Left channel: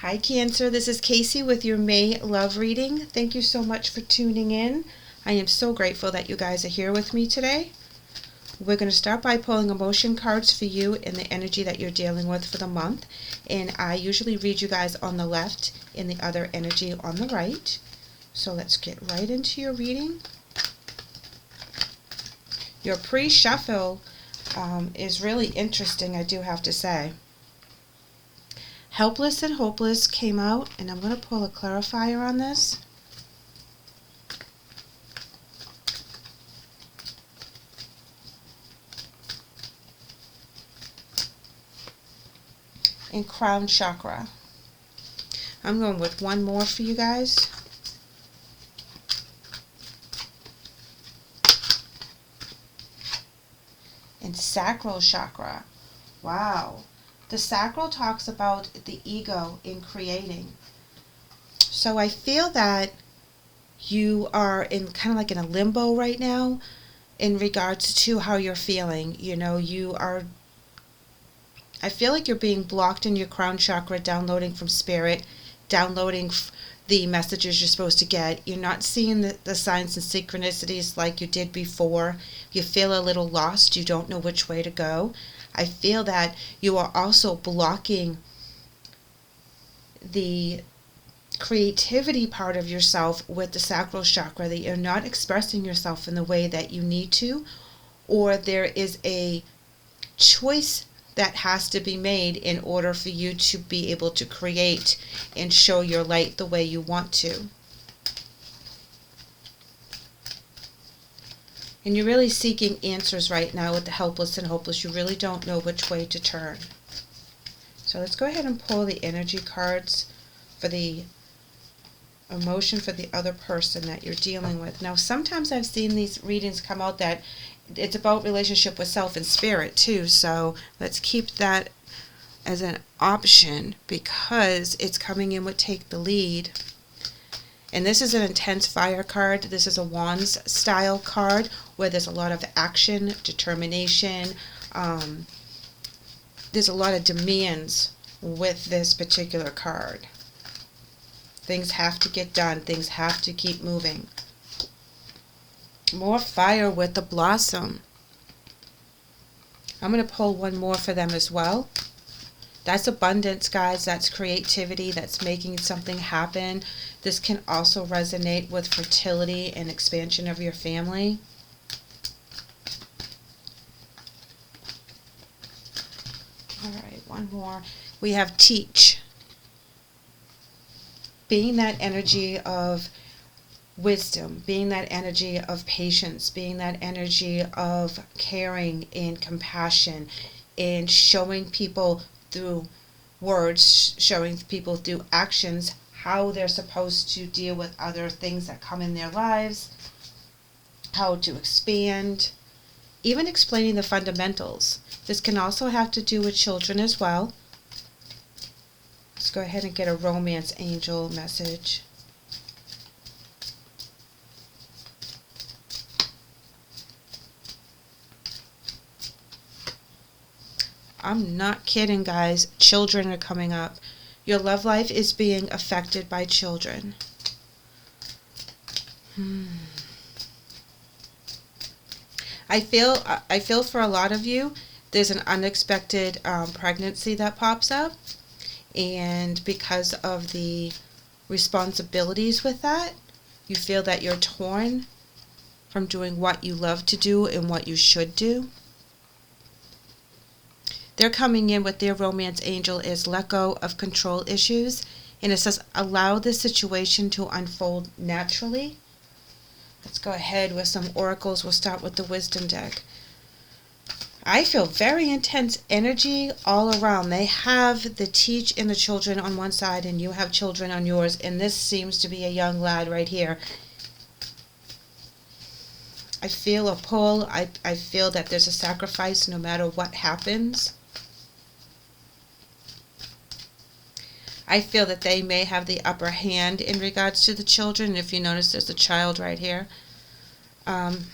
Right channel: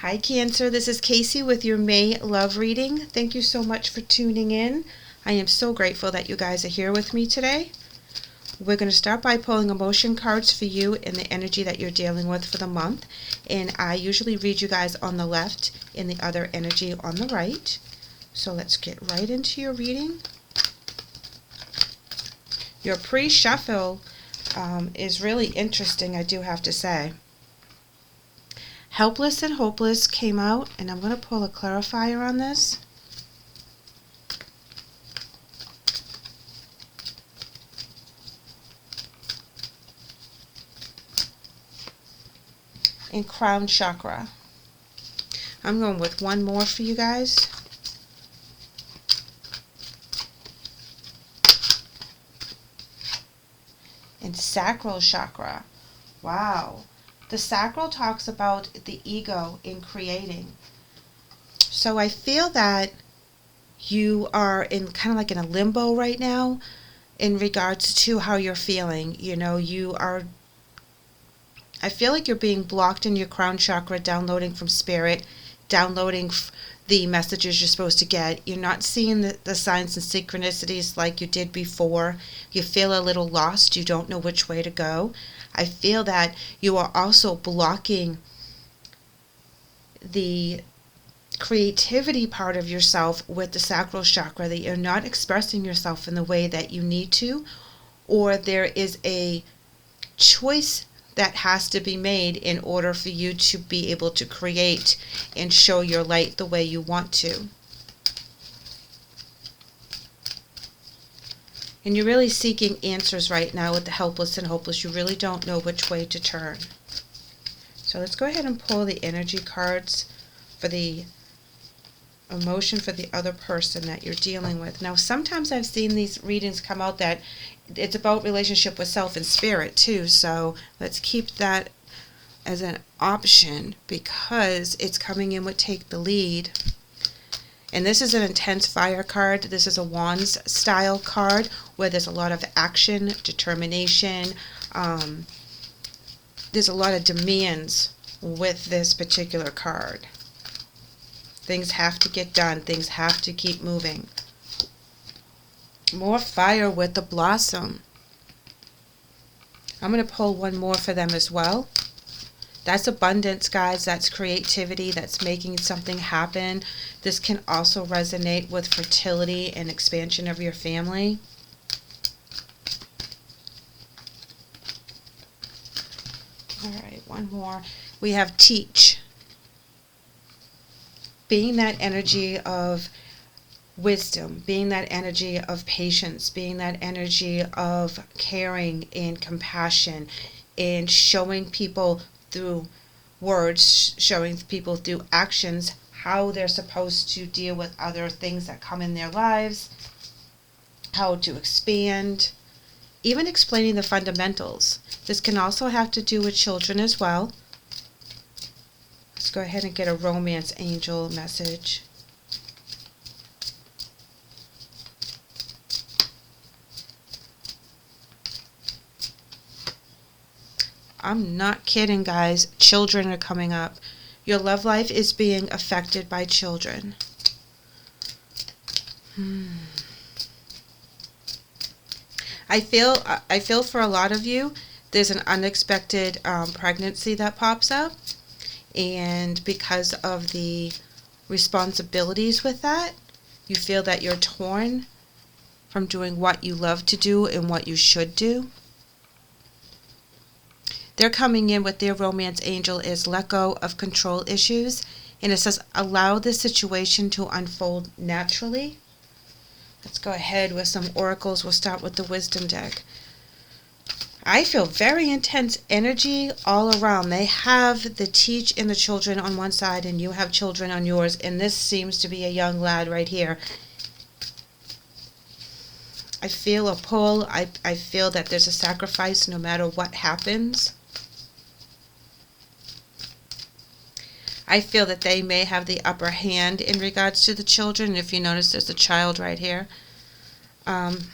Hi Cancer, this is Kaycee with your May love reading. Thank you so much for tuning in. I am so grateful that you guys are here with me today. We're going to start by pulling emotion cards for you and the energy that you're dealing with for the month. And I usually read you guys on the left and the other energy on the right. So let's get right into your reading. Your pre-shuffle is really interesting, I do have to say. Helpless and Hopeless came out, and I'm going to pull a clarifier on this. And Crown Chakra. I'm going with one more for you guys. And Sacral Chakra. Wow. The sacral talks about the ego in creating. So I feel that you are in kind of like in a limbo right now in regards to how you're feeling. You know, I feel like you're being blocked in your crown chakra, downloading from spirit, downloading the messages you're supposed to get. You're not seeing the signs and synchronicities like you did before. You feel a little lost. You don't know which way to go. I feel that you are also blocking the creativity part of yourself with the sacral chakra, that you're not expressing yourself in the way that you need to, or there is a choice that has to be made in order for you to be able to create and show your light the way you want to. And you're really seeking answers right now with the helpless and hopeless. You really don't know which way to turn. So let's go ahead and pull the energy cards for the emotion for the other person that you're dealing with. Now, sometimes I've seen these readings come out that it's about relationship with self and spirit too. So let's keep that as an option because it's coming in with Take the Lead. And this is an intense fire card. This is a Wands style card where there's a lot of action, determination. There's a lot of demands with this particular card. Things have to get done. Things have to keep moving. More fire with the Blossom. I'm going to pull one more for them as well. That's abundance, guys. That's creativity. That's making something happen. This can also resonate with fertility and expansion of your family. All right, one more. We have Teach. Being that energy of wisdom, being that energy of patience, being that energy of caring and compassion, and showing people through words, showing people through actions how they're supposed to deal with other things that come in their lives, how to expand, even explaining the fundamentals. This can also have to do with children as well. Let's go ahead and get a romance angel message. I'm not kidding, guys. Children are coming up. Your love life is being affected by children. I feel for a lot of you, there's an unexpected pregnancy that pops up. And because of the responsibilities with that, you feel that you're torn from doing what you love to do and what you should do. They're coming in with their romance angel is let go of control issues. And it says allow the situation to unfold naturally. Let's go ahead with some oracles. We'll start with the wisdom deck. I feel very intense energy all around. They have the Teach and the children on one side and you have children on yours. And this seems to be a young lad right here. I feel a pull. I feel that there's a sacrifice no matter what happens. I feel that they may have the upper hand in regards to the children. If you notice, there's a child right here. And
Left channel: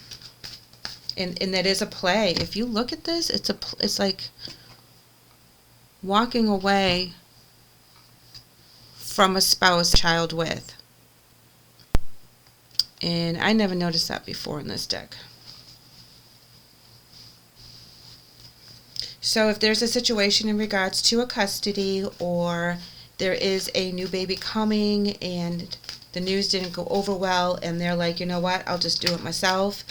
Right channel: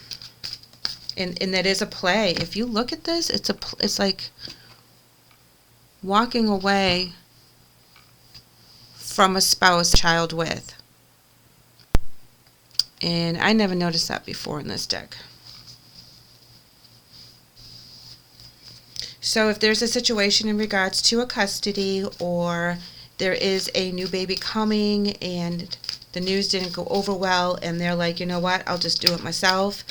that is a play. If you look at this, it's like walking away from a spouse, child with. And I never noticed that before in this deck. So if there's a situation in regards to a custody, or there is a new baby coming and the news didn't go over well and they're like, you know what, I'll just do it myself.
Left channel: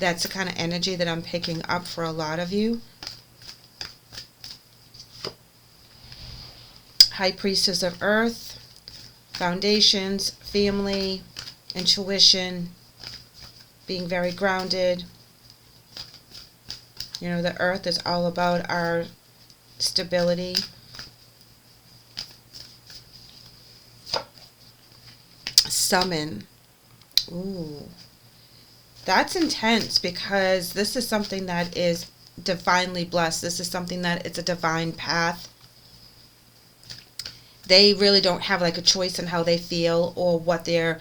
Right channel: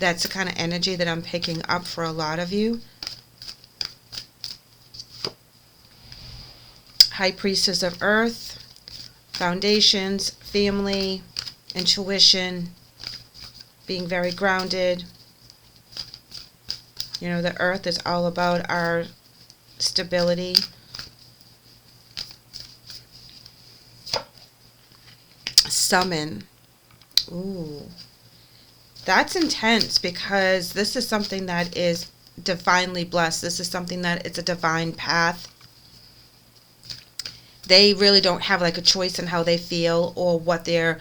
That's the kind of energy that I'm picking up for a lot of you. High Priestess of Earth, foundations, family, intuition, being very grounded. You know, the earth is all about our stability. Summon. Ooh. That's intense, because this is something that is divinely blessed. This is something that it's a divine path. They really don't have like a choice in how they feel or what their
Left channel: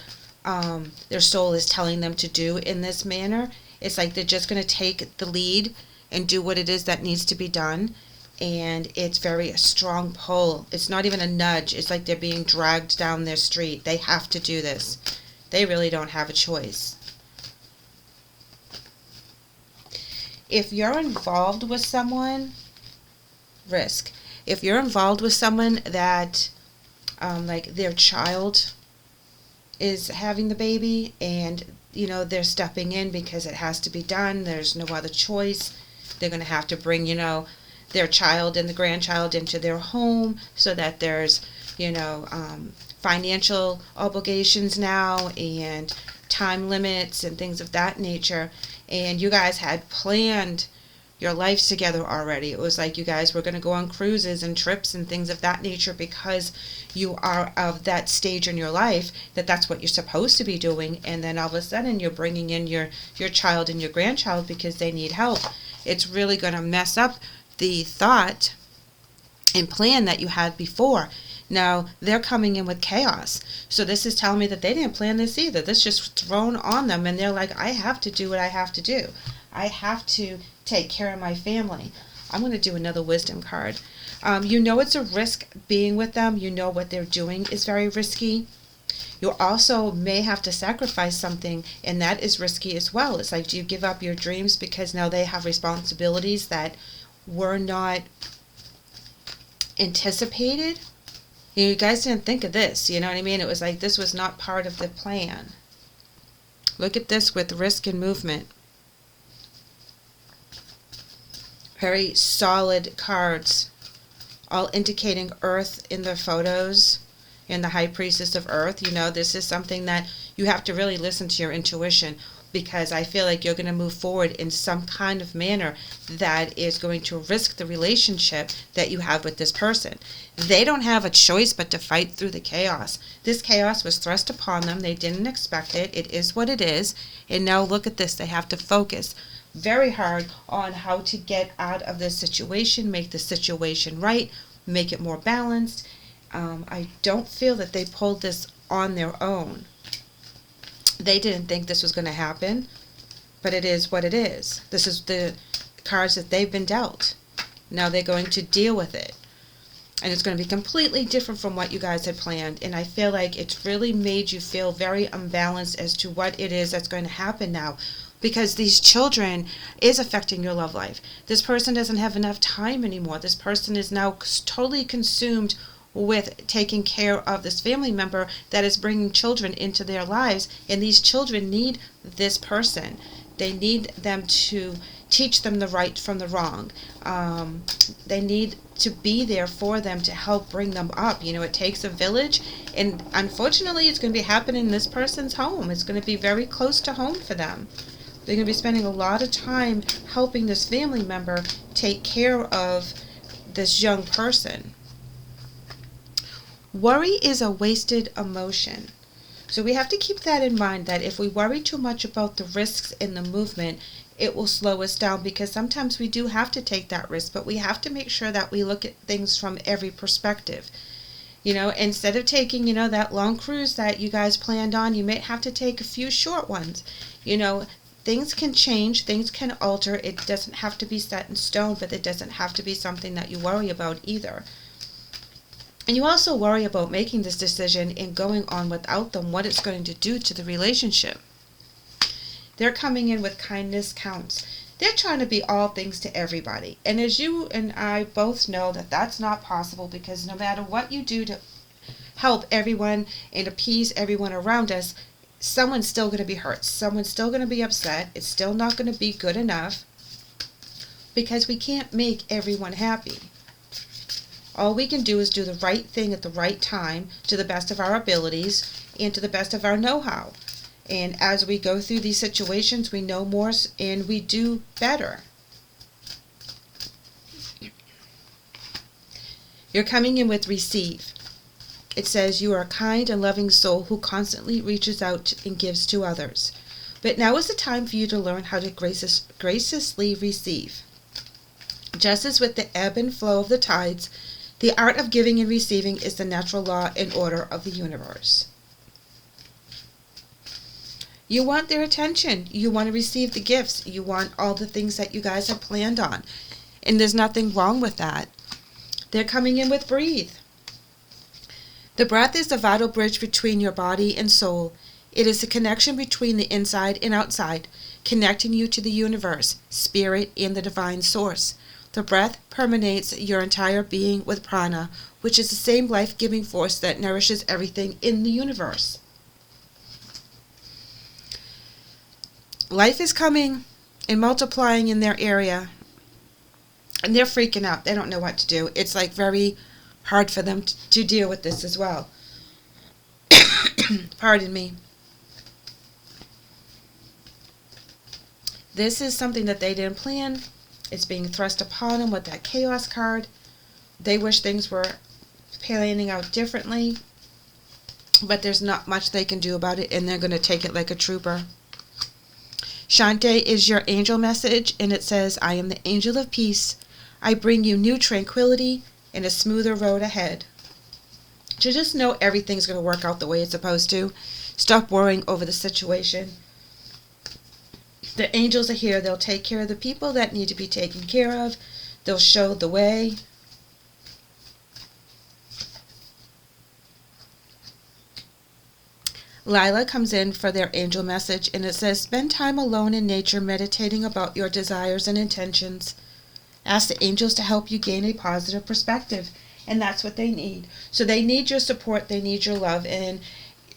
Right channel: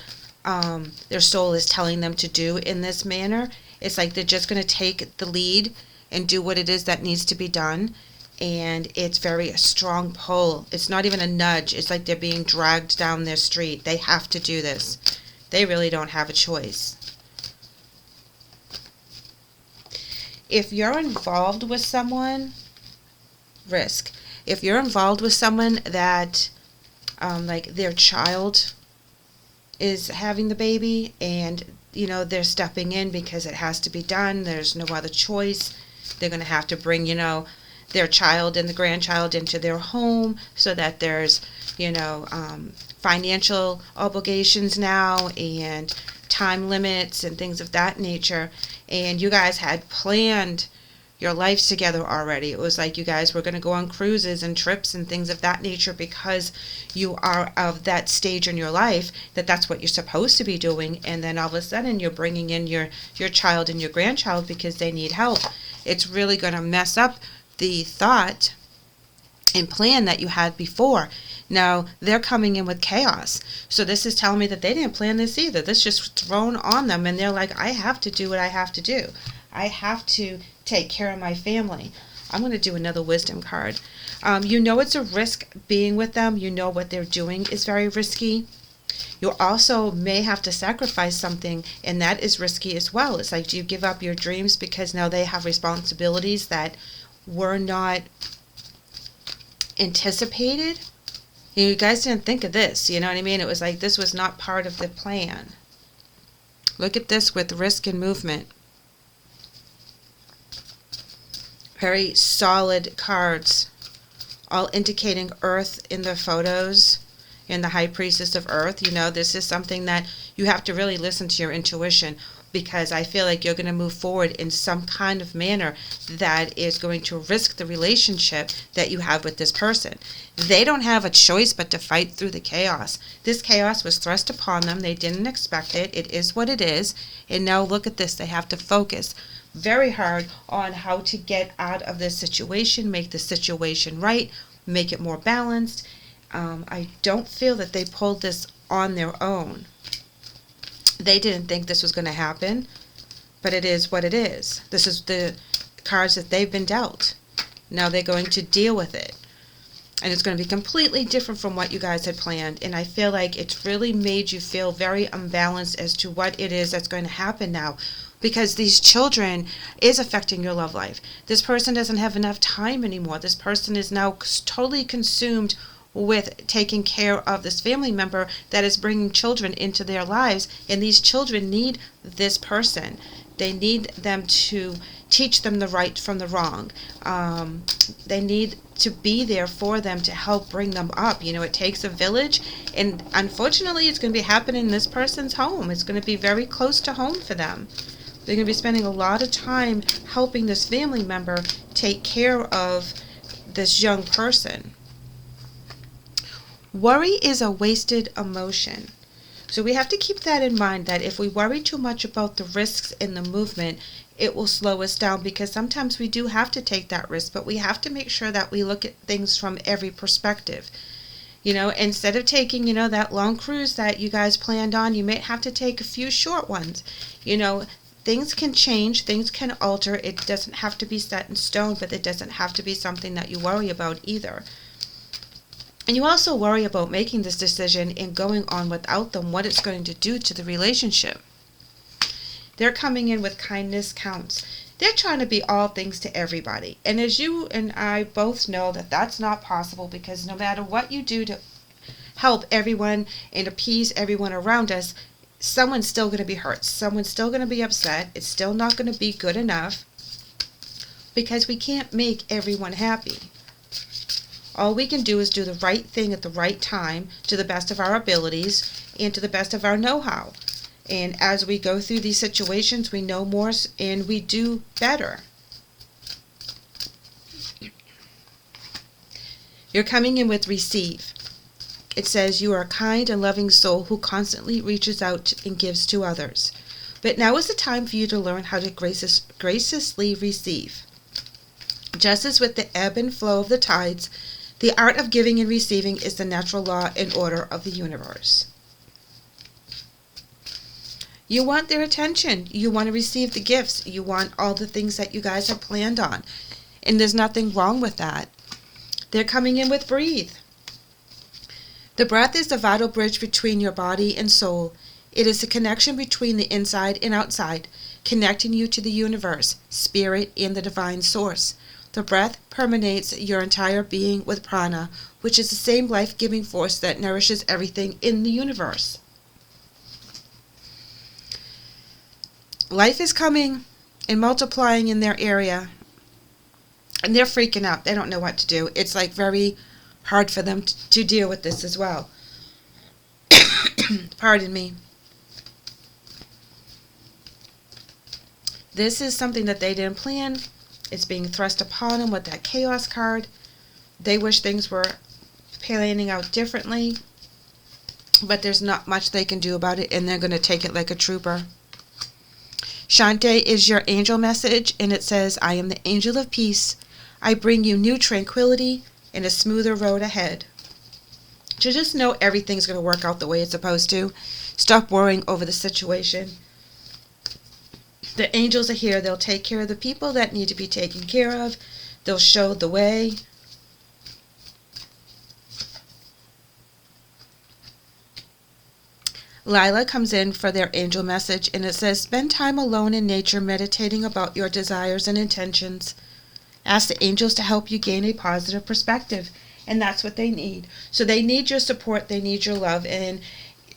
soul is telling them to do in this manner. It's like they're just going to take the lead and do what it is that needs to be done. And it's very a strong pull. It's not even a nudge. It's like they're being dragged down their street. They have to do this. They really don't have a choice. If you're involved with someone, risk. If you're involved with someone that like their child is having the baby, and you know they're stepping in because it has to be done, there's no other choice, they're going to have to bring, you know, their child and the grandchild into their home, so that there's, you know, financial obligations now and time limits and things of that nature. And you guys had planned your lives together already. It was like you guys were going to go on cruises and trips and things of that nature, because you are of that stage in your life that that's what you're supposed to be doing. And then all of a sudden you're bringing in your child and your grandchild because they need help. It's really going to mess up the thought and plan that you had before. Now they're coming in with chaos. So this is telling me that they didn't plan this either. This just thrown on them, and they're like, I have to do what I have to do. I have to take care of my family. I'm going to do another wisdom card. You know it's a risk being with them. You know what they're doing is very risky. You also may have to sacrifice something, and that is risky as well. It's like, do you give up your dreams because now they have responsibilities that were not anticipated? You guys didn't think of this, you know what I mean? It was like this was not part of the plan. Look at this with risk and movement. Very solid cards, all indicating earth in the photos, in the High Priestess of Earth. You know, this is something that you have to really listen to your intuition, because I feel like you're going to move forward in some kind of manner that is going to risk the relationship that you have with this person. They don't have a choice but to fight through the chaos. This chaos was thrust upon them. They didn't expect it. It is what it is. And now look at this. They have to focus very hard on how to get out of this situation, make the situation right, make it more balanced. I don't feel that they pulled this on their own. They didn't think this was going to happen, but it is what it is. This is the cards that they've been dealt. Now they're going to deal with it. And it's going to be completely different from what you guys had planned. And I feel like it's really made you feel very unbalanced as to what it is that's going to happen now. Because these children is affecting your love life. This person doesn't have enough time anymore. This person is now totally consumed with taking care of this family member that is bringing children into their lives. And these children need this person. They need them to teach them the right from the wrong. They need to be there for them to help bring them up. You know, it takes a village. And unfortunately, it's going to be happening in this person's home. It's going to be very close to home for them. They're going to be spending a lot of time helping this family member take care of this young person. Worry is a wasted emotion. So we have to keep that in mind, that if we worry too much about the risks in the movement, it will slow us down, because sometimes we do have to take that risk, but we have to make sure that we look at things from every perspective. You know, instead of taking, you know, that long cruise that you guys planned on, you may have to take a few short ones. You know, things can change, things can alter. It doesn't have to be set in stone, but it doesn't have to be something that you worry about either. And you also worry about making this decision and going on without them, what it's going to do to the relationship. They're coming in with kindness counts. They're trying to be all things to everybody. And as you and I both know that that's not possible, because no matter what you do to help everyone and appease everyone around us, someone's still going to be hurt. Someone's still going to be upset. It's still not going to be good enough, because we can't make everyone happy. All we can do is do the right thing at the right time, to the best of our abilities and to the best of our know-how. And as we go through these situations, we know more and we do better. You're coming in with receive. It says you are a kind and loving soul who constantly reaches out and gives to others. But now is the time for you to learn how to graciously receive. Just as with the ebb and flow of the tides, the art of giving and receiving is the natural law and order of the universe. You want their attention. You want to receive the gifts. You want all the things that you guys have planned on. And there's nothing wrong with that. They're coming in with breathe. The breath is the vital bridge between your body and soul. It is the connection between the inside and outside, connecting you to the universe, spirit, and the divine source. The breath permeates your entire being with prana, which is the same life-giving force that nourishes everything in the universe. Life is coming and multiplying in their area, and they're freaking out. They don't know what to do. It's like very hard for them to deal with this as well. Pardon me. This is something that they didn't plan. It's being thrust upon them with that chaos card. They wish things were panning out differently, but there's not much they can do about it, and they're going to take it like a trooper. Shante is your angel message, and it says, I am the angel of peace. I bring you new tranquility and a smoother road ahead. So just know everything's going to work out the way it's supposed to. Stop worrying over the situation. The angels are here. They'll take care of the people that need to be taken care of. They'll show the way. Lila comes in for their angel message, and it says, spend time alone in nature meditating about your desires and intentions. Ask the angels to help you gain a positive perspective, and that's what they need. So they need your support. They need your love, and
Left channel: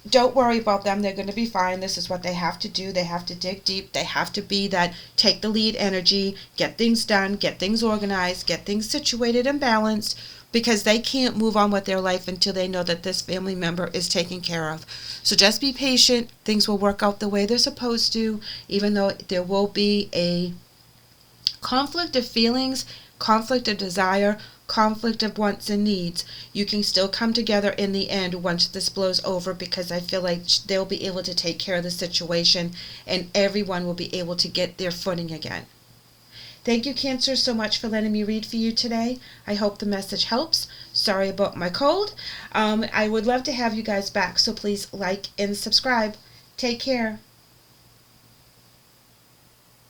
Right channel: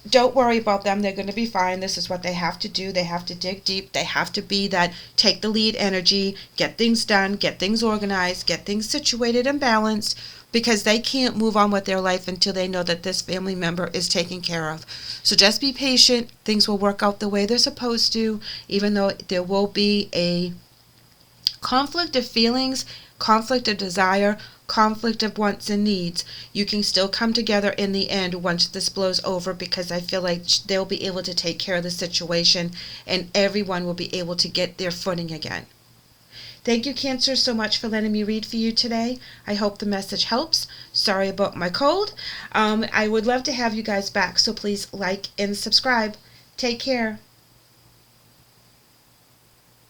don't worry about them. They're going to be fine. This is what they have to do. They have to dig deep. They have to be that take the lead energy, get things done, get things organized, get things situated and balanced, because they can't move on with their life until they know that this family member is taken care of. So just be patient. Things will work out the way they're supposed to, even though there will be a conflict of feelings, conflict of desire, conflict of wants and needs. You can still come together in the end once this blows over, because I feel like they'll be able to take care of the situation and everyone will be able to get their footing again. Thank you, Cancer, so much for letting me read for you today. I hope the message helps. Sorry about my cold. I would love to have you guys back, so please like and subscribe. Take care.